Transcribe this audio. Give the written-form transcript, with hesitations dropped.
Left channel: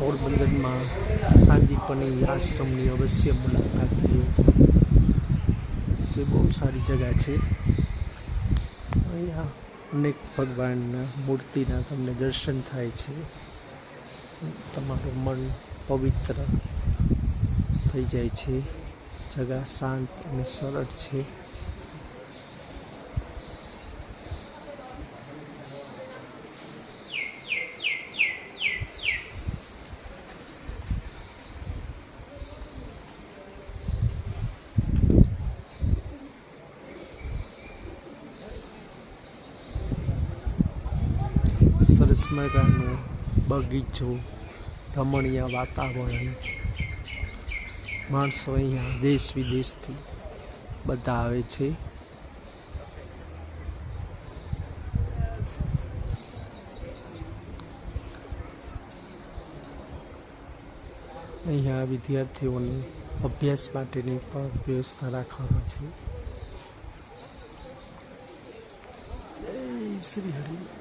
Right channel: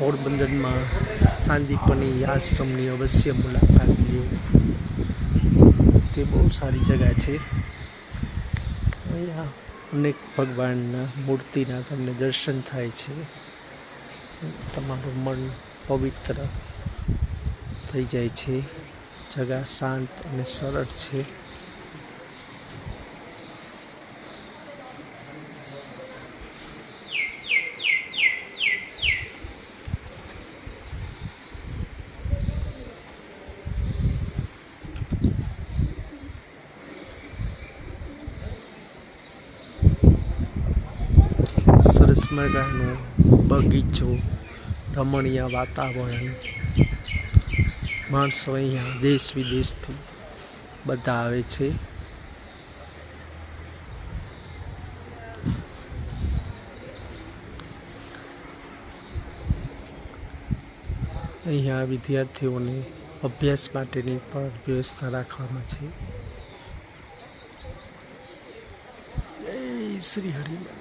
પોરબંદરમાં સાંદીપની આશ્રમની અવશ્ય મુલાકાત લ્યો. તે બહુ સારી જગ્યા છે. અહીંયા અનેક ભગવાનના મૂર્તિના તમને દર્શન થાય છે. તમારું મન પવિત્ર થઈ જાય છે. જગા શાંત અને સરળ છે. સરસ મજાનો બગીચો, રમણીય વાતાવરણ. માણસો અહીંયા દેશ વિદેશથી બધા આવે છે. અહીંયા વિદ્યાર્થીઓને અભ્યાસ માટેની પણ વ્યવસ્થા રાખવામાં છે. જય શ્રી હરિ.